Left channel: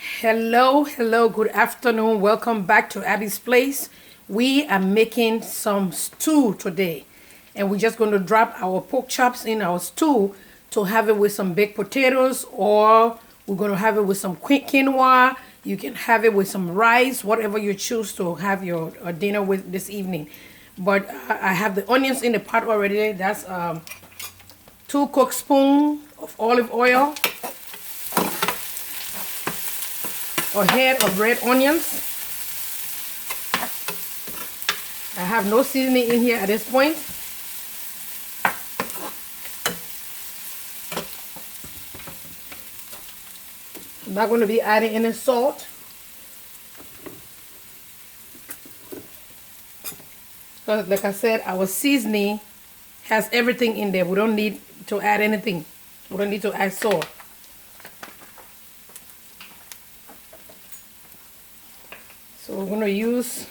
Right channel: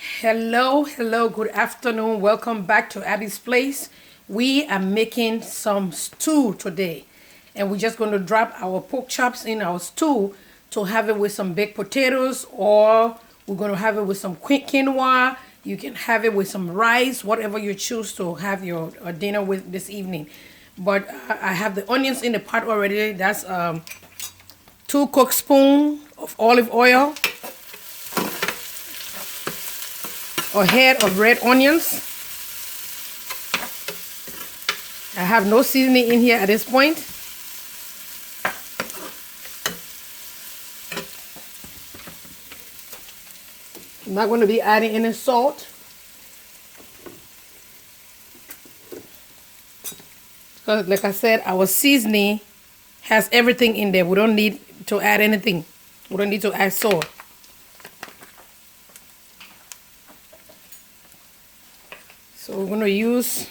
Hello, good afternoon. Welcome back to Abby's Place. We are making some stew today, and we're just going to drop our pork chops in our stew to have it with some baked potatoes, or we're going to have it with some quinoa. You can have it with some rice, whatever you choose to have your dinner with this evening. But I have the onions in the pot already. That's 2 cookspoons of olive oil, a head of red onions. I have no seasoning in here at this point. I'm not going to be adding any salt. Because like I said, our seasoning has everything in there. We don't need to add anything. We don't need to add salt. So we're going to use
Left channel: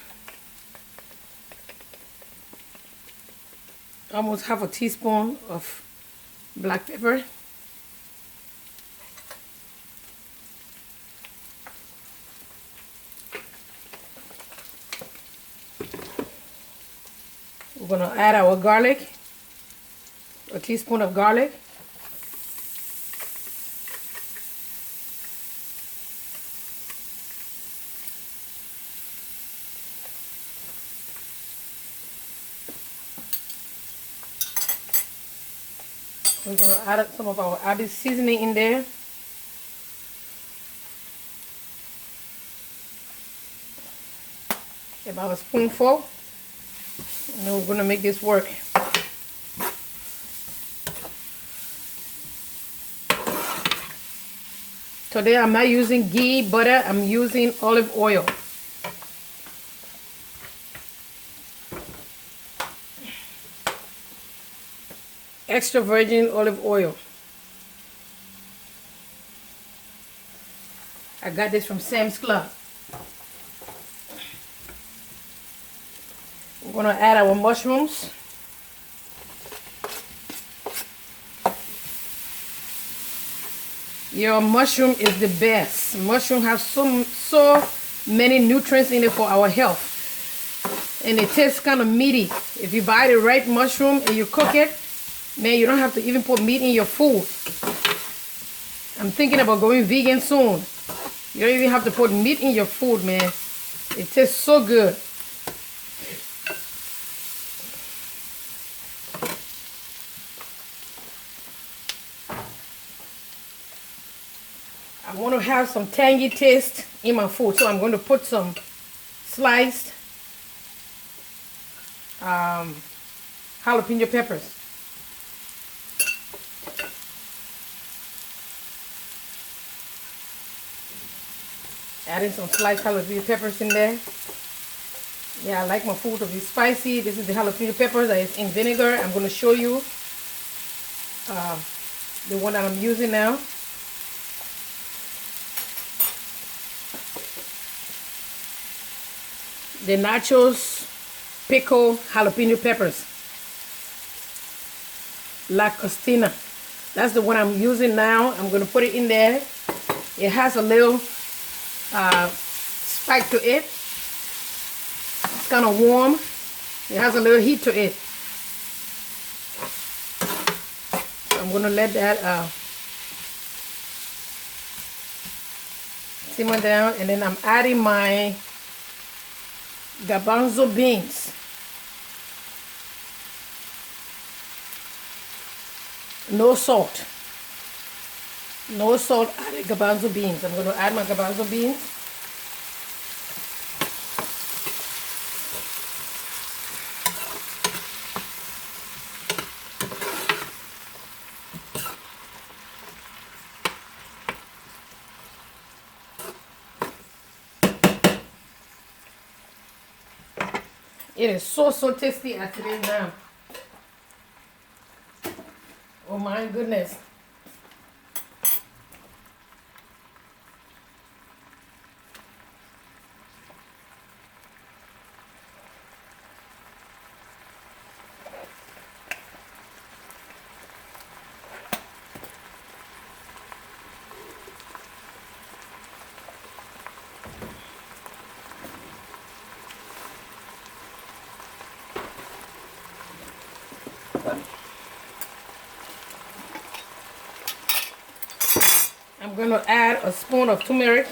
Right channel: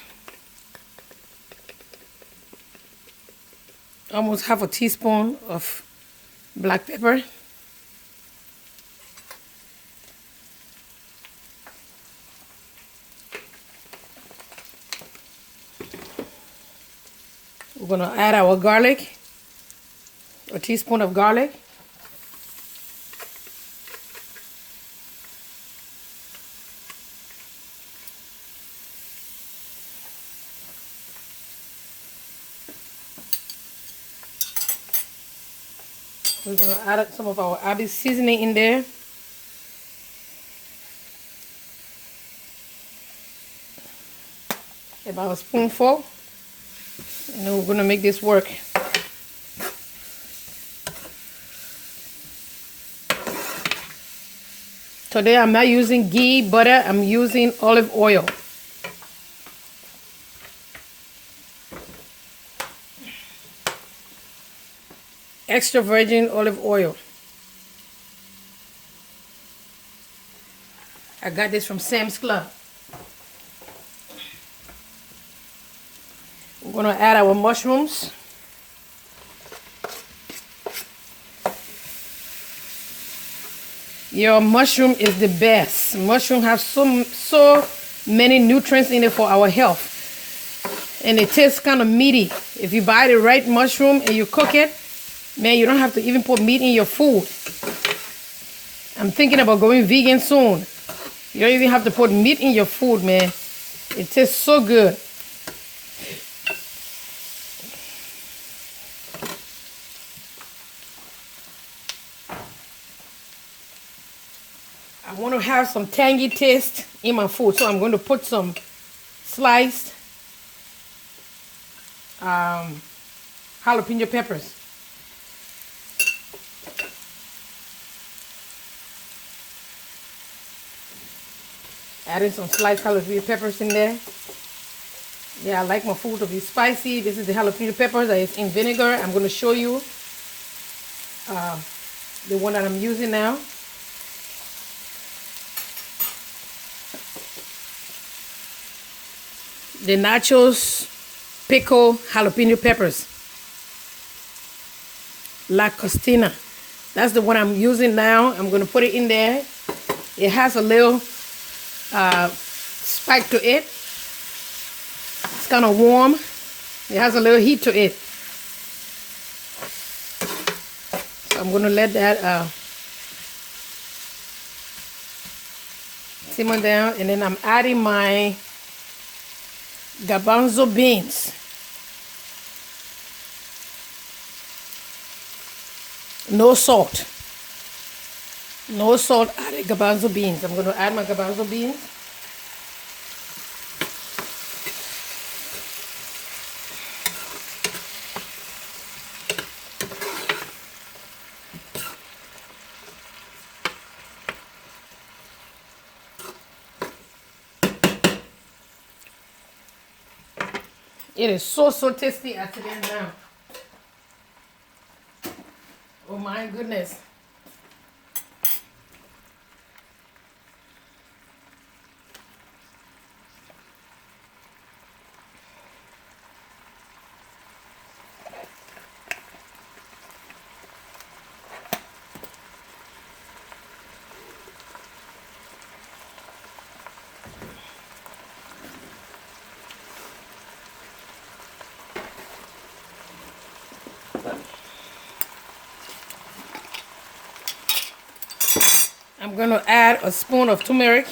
almost half a teaspoon of black pepper. We're going to add our garlic, a teaspoon of garlic. We're going to add some of our Abby seasoning in there. About a spoonful. And then we're going to make this work. Today I'm not using ghee, butter. I'm using olive oil. Extra virgin olive oil. I got this from Sam's Club. We're going to add our mushrooms. Your mushroom is the best. Mushroom have so many nutrients in it for our health. And it tastes kind of meaty. If you buy the right mushroom and you cook it, man, you don't have to even put meat in your food. I'm thinking about going vegan soon. You don't even have to put meat in your food, man. It tastes so good. I want to have some tangy taste in my food, so I'm going to put some sliced jalapeno peppers. Adding some sliced jalapeno peppers in there. Yeah, I like my food to be spicy. This is the jalapeno peppers that is in vinegar. I'm going to show you the one that I'm using now. The Nachos Pickle Jalapeno Peppers. La Costina. That's the one I'm using now. I'm going to put it in there. It has a little spike to it. It's kind of warm. It has a little heat to it. So I'm going to let that simmer down. And then I'm adding my Garbanzo beans. No salt. No salt added garbanzo beans. I'm going to add my garbanzo beans. It is so tasty as it is now. Oh my goodness. going to add a spoon of turmeric.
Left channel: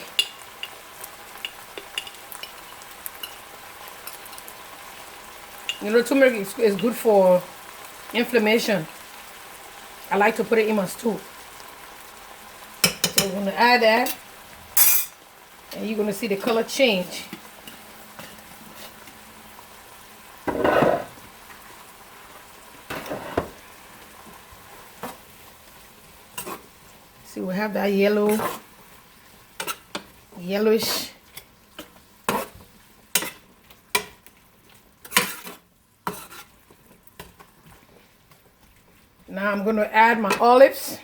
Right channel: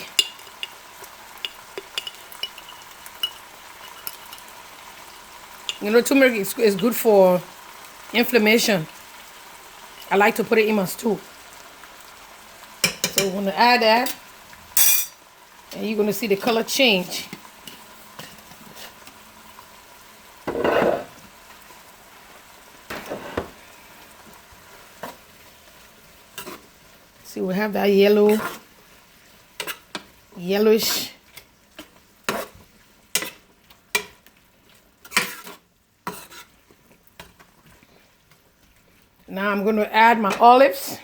You know, turmeric is good for inflammation. I like to put it in my stew. So we're going to add that. And you're going to see the color change. See, we have that yellowish. Now I'm going to add my olives.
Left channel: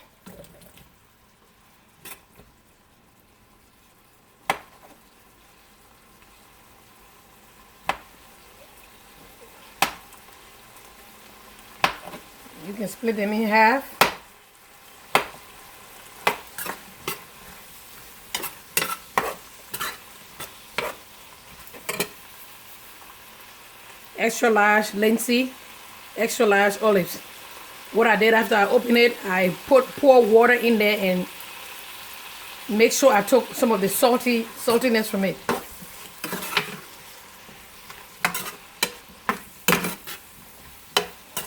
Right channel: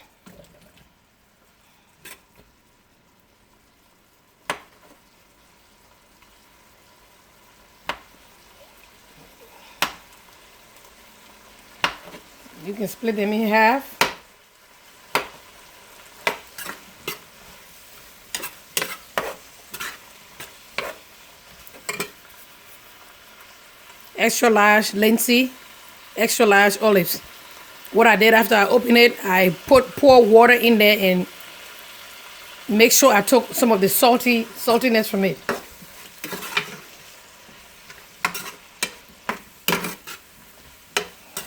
You can split them in half. Extra large linseed, extra large olives. What I did after I opened it, I pour water in there and make sure I took some of the saltiness from it.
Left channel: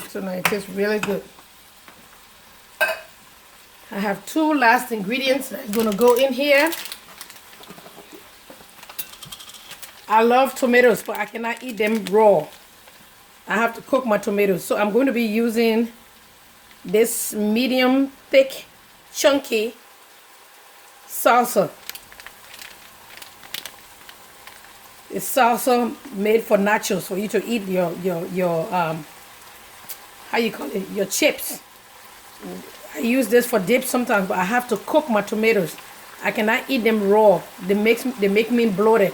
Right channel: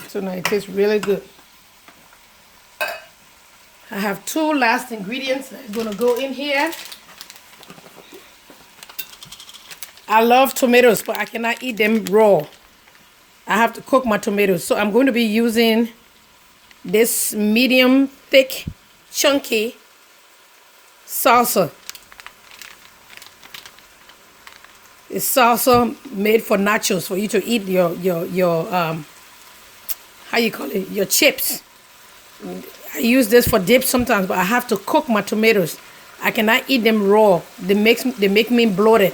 So now it tastes really good. I have 2 last ingredients that's gonna go in here. I love tomatoes, but I cannot eat them raw. I have to cook my tomatoes. So I'm going to be using this medium thick chunky salsa. It's salsa made for nachos, for you to eat your how you call it, your chips. I use this for dip sometimes, but I have to cook my tomatoes. I cannot eat them raw. They make me bloated,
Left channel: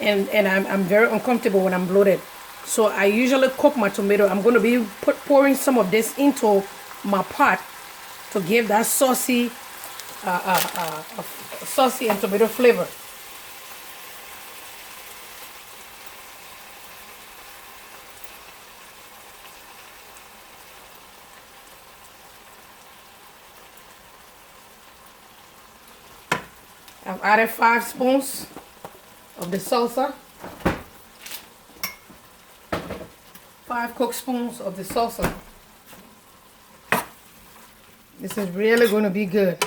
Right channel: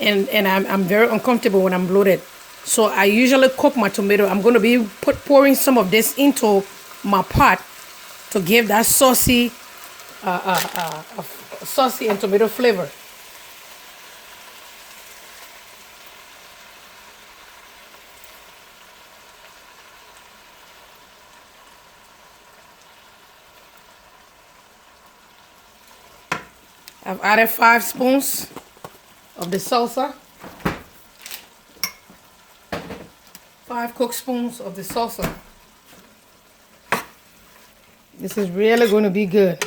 and I'm very uncomfortable when I'm bloated. So I usually cook my tomato. I'm going to be pouring some of this into my pot to give that saucy and tomato flavor. I've added 5 spoons of the salsa. 5 cooked spoons of the salsa. This is really going to be good.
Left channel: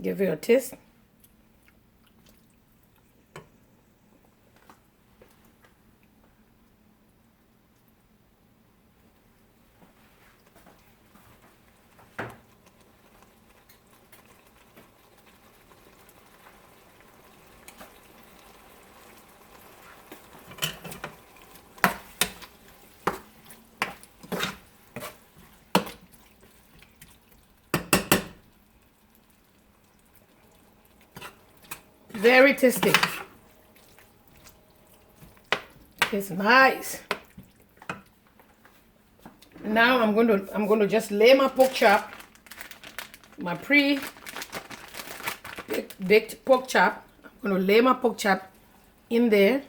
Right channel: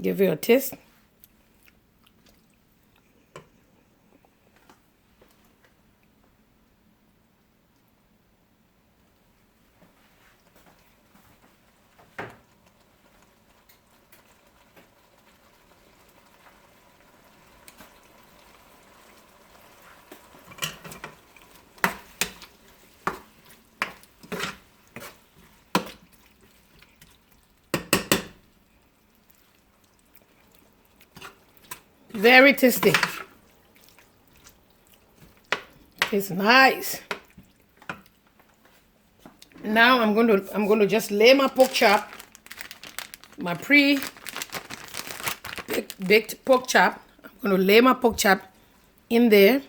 Give it a taste. Very tasty. It's nice. Now I'm going to just lay my pork chop, my pre-baked pork chop. I'm going to lay my pork chop in there.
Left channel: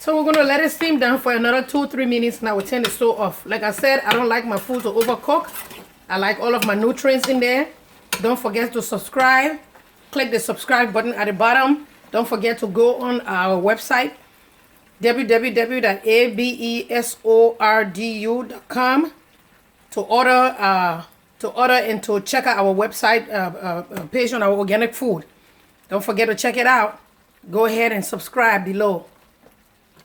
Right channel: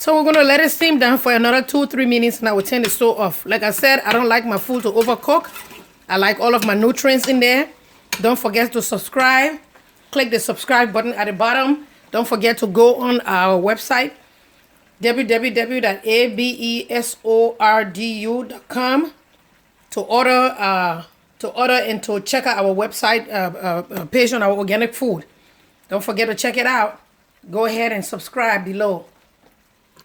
So we're going to let it steam down for another 2-3 minutes, and I will turn the stove off. Like I said, I don't like my food to overcook. I like all of my nutrients in there. Don't forget to subscribe. Click the subscribe button at the bottom. Don't forget to go on our website, www.abesordu.com, to order and to check out our website page on our organic food. Don't forget to check it out. Go ahead and subscribe below.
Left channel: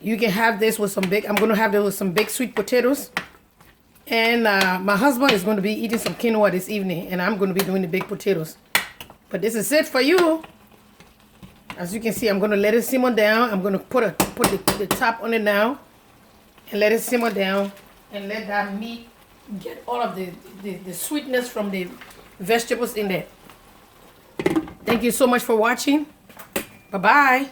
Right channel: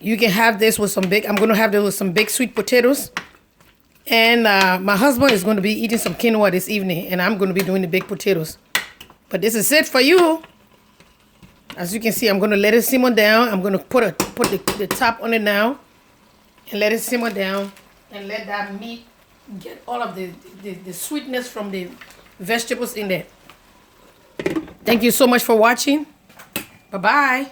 You can have this with some I'm going to have this with some baked sweet potatoes. And my husband is going to be eating some quinoa this evening, and I'm going to be doing the baked potatoes. But this is it for you. As you can see, I'm going to let it simmer down. I'm going to put the top on it now and let it simmer down and let that meat get all of the sweetness from the vegetables in there. Thank you so much for watching. Bye-bye.